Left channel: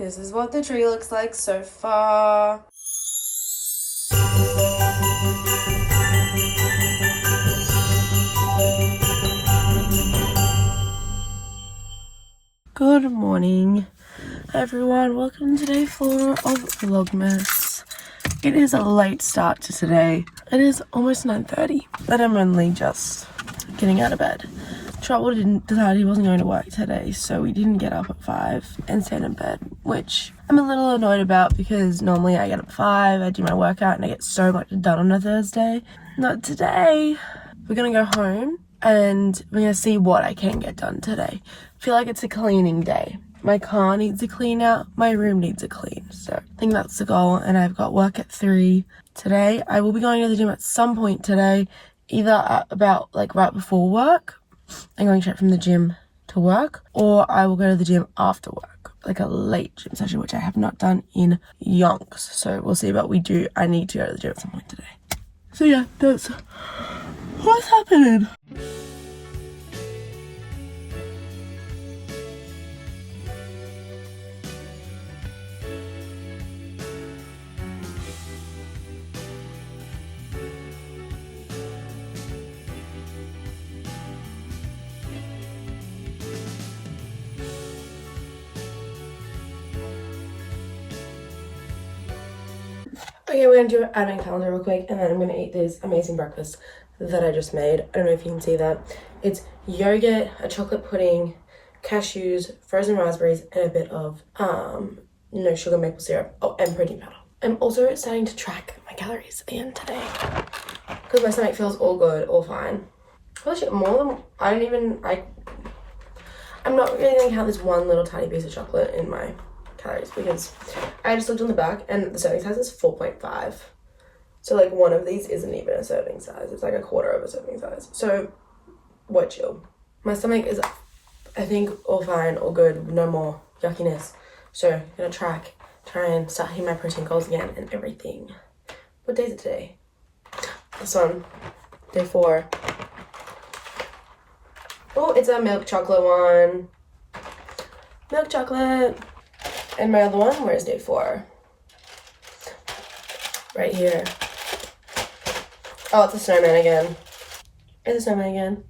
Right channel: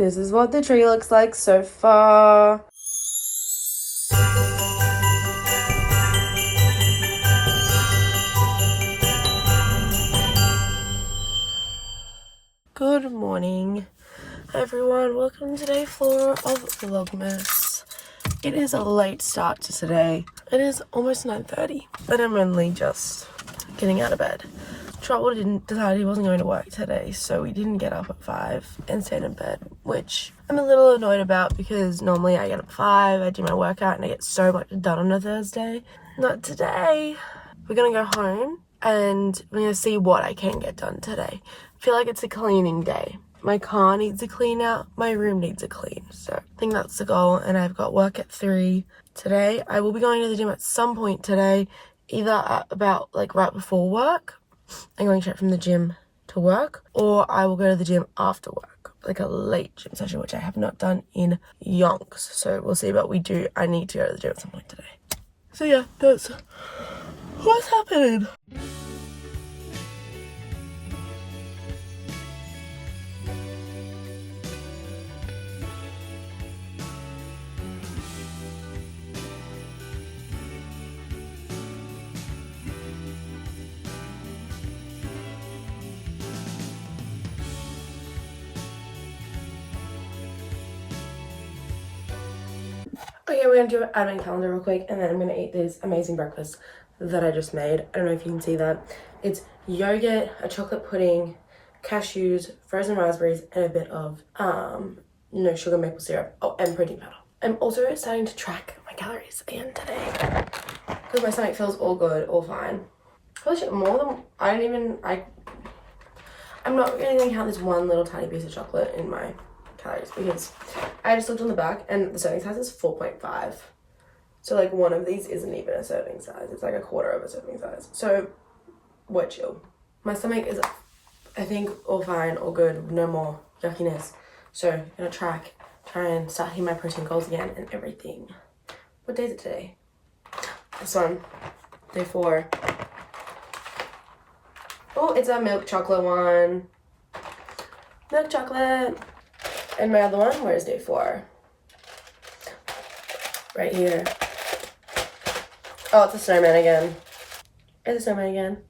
This is what the tree looks like so far. Good morning, everyone. Welcome to day 4 of Vlogmas. It is a late start to today. It is almost 9:30, but I'm only just getting out of bed. Trouble didn't decide he wasn't going to work today, so we didn't get up at 5 and stayed in bed, which I'm a little annoyed about because normally I get up at 5, I do my workout, and I get so much done on a Thursday. Not today. We're gonna go home and we're gonna see what I can get done today. I feel like it's a cleaning day. My car needs a clean out, my room needs a clean, so I think that's the goal. And I've got work at 3 today. I will be going to the gym at some point today, either at about like right before work and going straight from the gym to work, or I will go to the gym after work, like a late gym session, which I have not done in yonks. So we'll see what we do. I need to go to the gym at some point today. So yeah, that's what's happening. Okay, we're gonna do an advent calendar real quick, and then I'm gonna eat this amazing breakfast that I just made. I don't know if you can see that. It's yogurt, a chocolate pudding, cashews, frozen raspberries, and a bit of no sugar maple syrup. Oh, and protein powder. I'm also starting to track my calories again today because my stomach feels all good, all fine. Holy shit, more than I'm not really gonna count this one little tiny piece of chocolate in my calories because I just looked on the back and the serving size is 4.5. So like one of these isn't even a serving size. It's like a quarter of a serving size. So we're chill. My stomach is, I think, all fine, all good, no more yuckiness. So I'm gonna try and start hitting my protein goals again and everything. What day is it today? This one, day 4. Oh, it's a milk chocolate one. Milk chocolate. And my other one, where's day 4? Right here. Oh, it's a snowman again. It's a snowman again.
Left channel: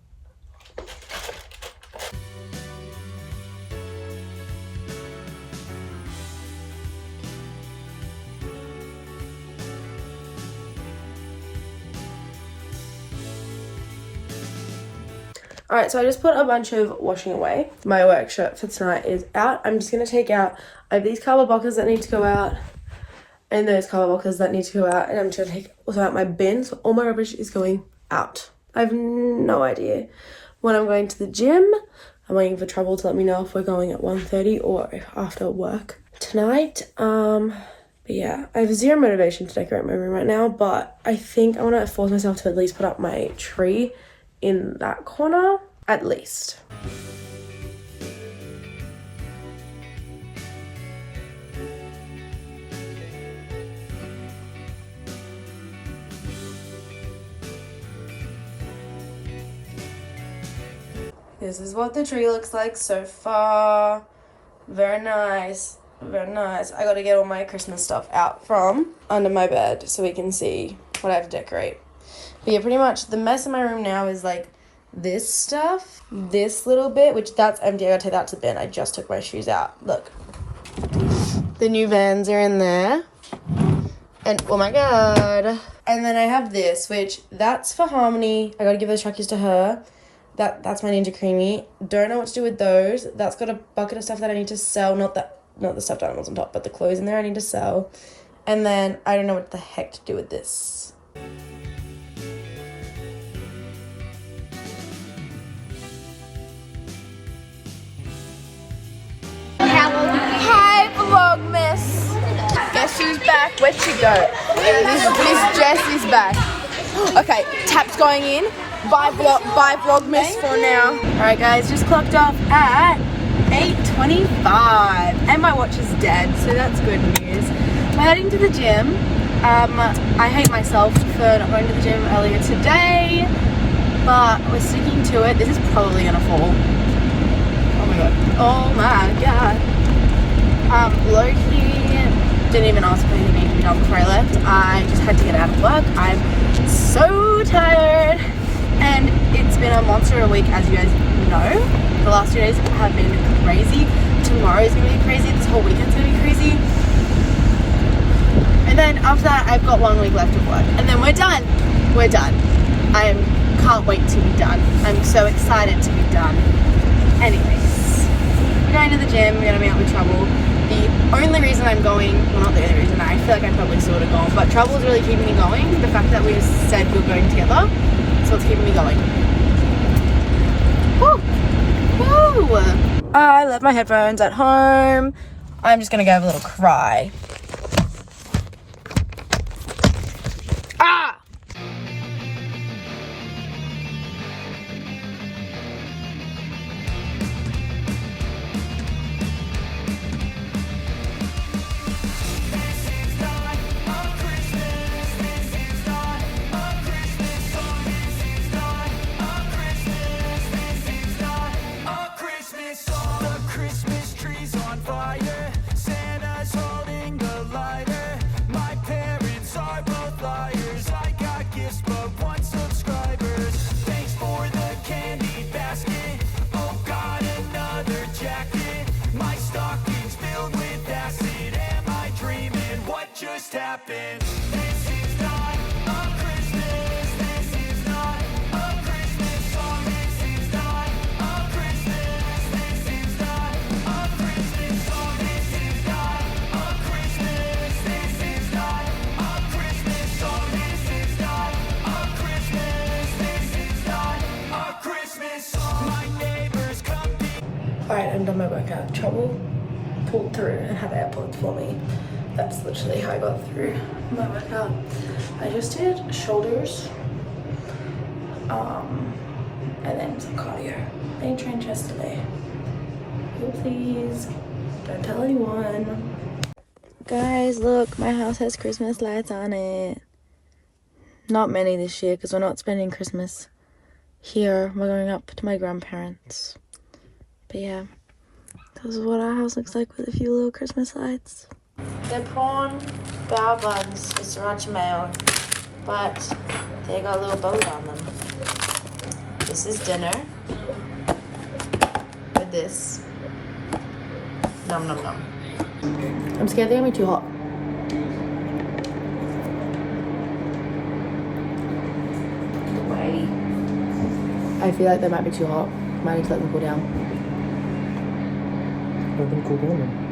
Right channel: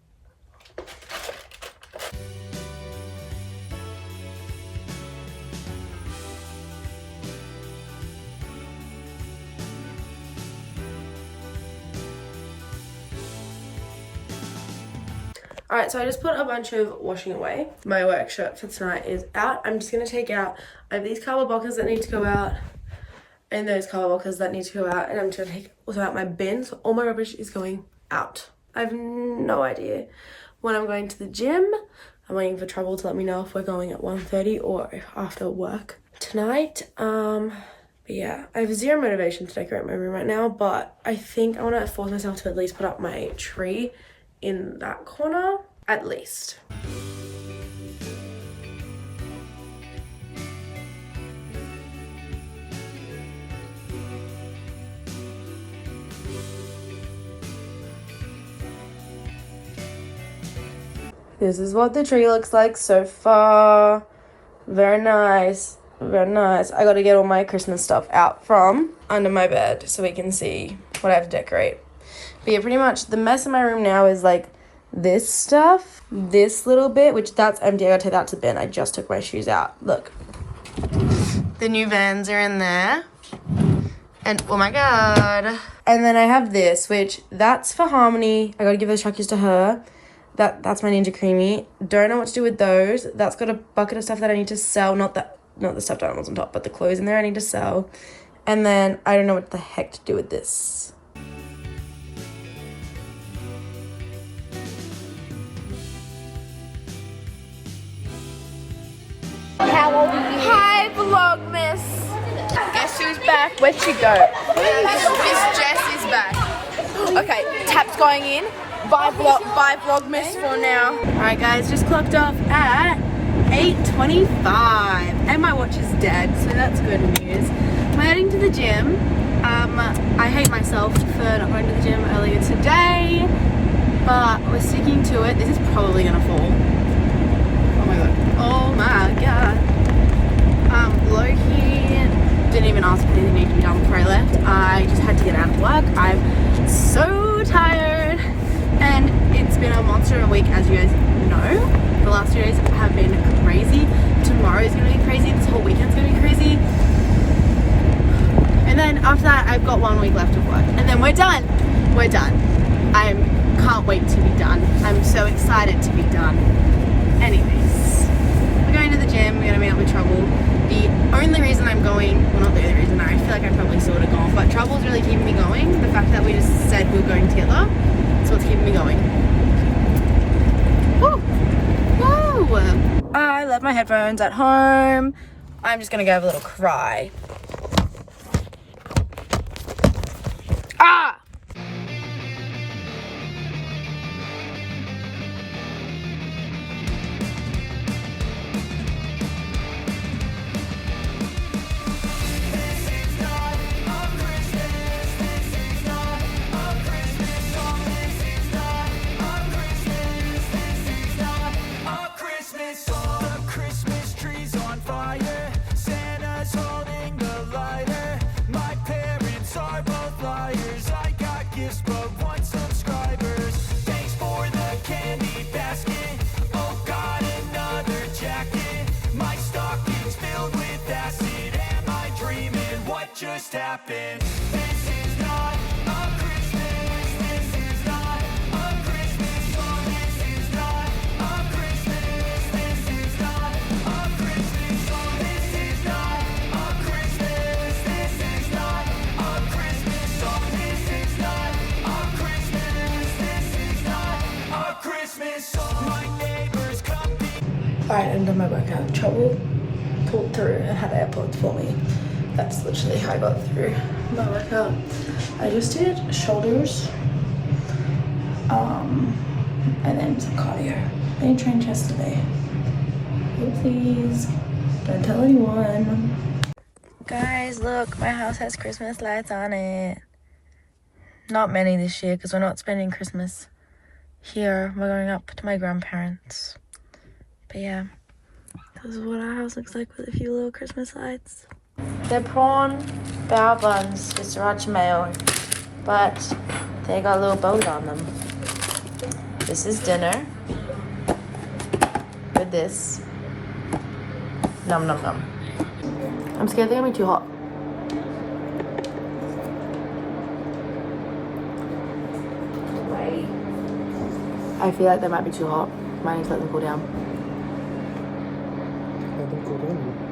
Alright, so I just put a bunch of washing away. My work shirt for tonight is out. I'm just going to take out, I have these cardboard boxes that need to go out and those cardboard boxes that need to go out, and I'm just going to take also out my bin, so all my rubbish is going out. I have no idea when I'm going to the gym. I'm waiting for Trouble to let me know if we're going at 1:30 or if after work tonight. But yeah, I have zero motivation to decorate my room right now, but I think I want to force myself to at least put up my tree in that corner, at least. This is what the tree looks like so far. Very nice, very nice. I gotta get all my Christmas stuff out from under my bed so we can see what I have to decorate. But yeah, pretty much the mess in my room now is like this stuff, this little bit, which that's empty. I gotta take that to the bin. I just took my shoes out. Look, the new Vans are in there. And oh my god. And then I have this, which that's for Harmony. I gotta give those trackies to her. That's my Ninja Creamy. Don't know what to do with those. That's got a bucket of stuff that I need to sell. Not the stuffed animals on top, but the clothes in there I need to sell. And then I don't know what the heck to do with this. How old are you? Hi, Vlogmas. Guess who's back? Where'd she go? This dress is back. Okay, tap's going in. Bye Vlogmas for now. Alright guys, just clocked off at 8:25 and my watch is dead, so that's good news. We're heading to the gym. I hate myself for not going to the gym earlier today, but we're sticking to it. This is probably gonna fall. Oh my god. Oh my god. Low after that, I've got 1 week left of work. And then we're done. We're done. I can't wait to be done. I'm so excited to be done. Anyways, we're going to the gym. We're going to meet up with Trouble. The only reason I'm going, well, not the only reason, I feel like I'm probably sort of gone, but Trouble's really keeping me going. The fact that we just said we were going together, so it's keeping me going. Woo! Woo! I left my headphones at home. I'm just gonna go have a little cry. Ah! Just happened. This is not a Christmas. This is not a Christmas song. This is not a Christmas. This is not a Christmas song. This is not a Christmas. This is not a Christmas song. This is not a Christmas. This is not a Christmas song. My neighbors come. Alright, I'm done my workout. Trouble pulled through and had AirPods for me. That's literally how I got through my workout. I just did shoulders, and then some cardio. I didn't train chest today. Please, don't tell anyone. Guys, look, my house has Christmas lights on it. Not many this year because we're not spending Christmas here. We're going up to my grandparents. But yeah, this is what our house looks like with a few little Christmas lights. They're prawn bao buns with sriracha mayo, but they got little bows on them. This is dinner with this. Nom nom nom. I'm scared they're gonna be too hot. Wait. I feel like they might be too hot. Might need to let them cool down. Let them cool down.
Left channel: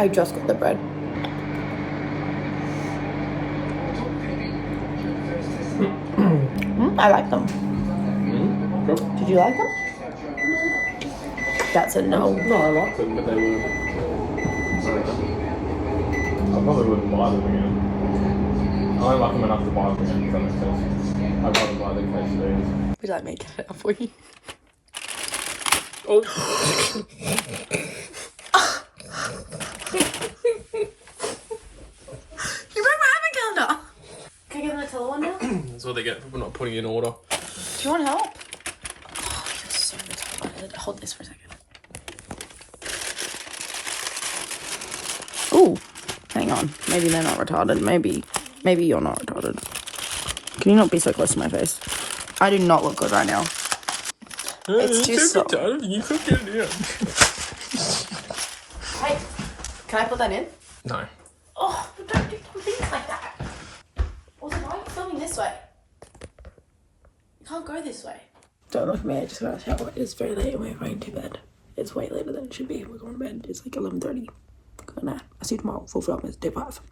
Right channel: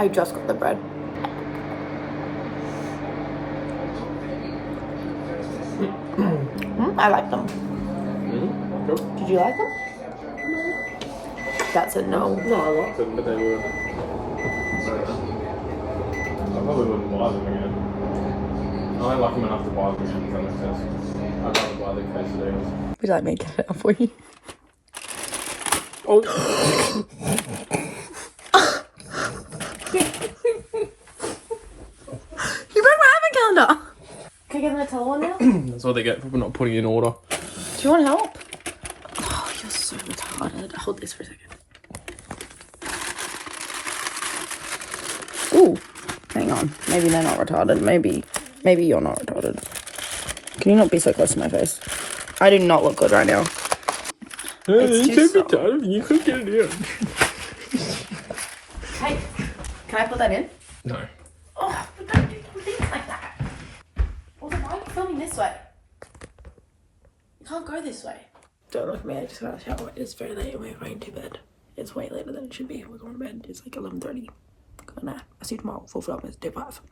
I just got the bread. I like them. Did you like them? That's a no. No, I liked them, but they were. I probably wouldn't buy them again. I don't like them enough to buy them again, if that makes sense. I'd rather buy the quesadillas. Would you like me to get it up for you? Oh! You broke my advent calendar! Can I give them a towel one now? That's what they get for not putting in order. Do you want help? Oh, you're so retarded. Hold this for a second. Ooh, hang on. Maybe they're not retarded. Maybe you're not retarded. Can you not be so close to my face? I do not look good right now. It's too soft. You could get it in. Hey, can I put that in? No. Oh, don't do things like that. Also, why are you filming this way? You can't go this way. Don't look at me, I just got out of the shower. It's very late and we're going to bed. It's way later than it should be. We're going to bed. It's like 11:30. Good night. I'll see you tomorrow. Full Vlogmas, day 5.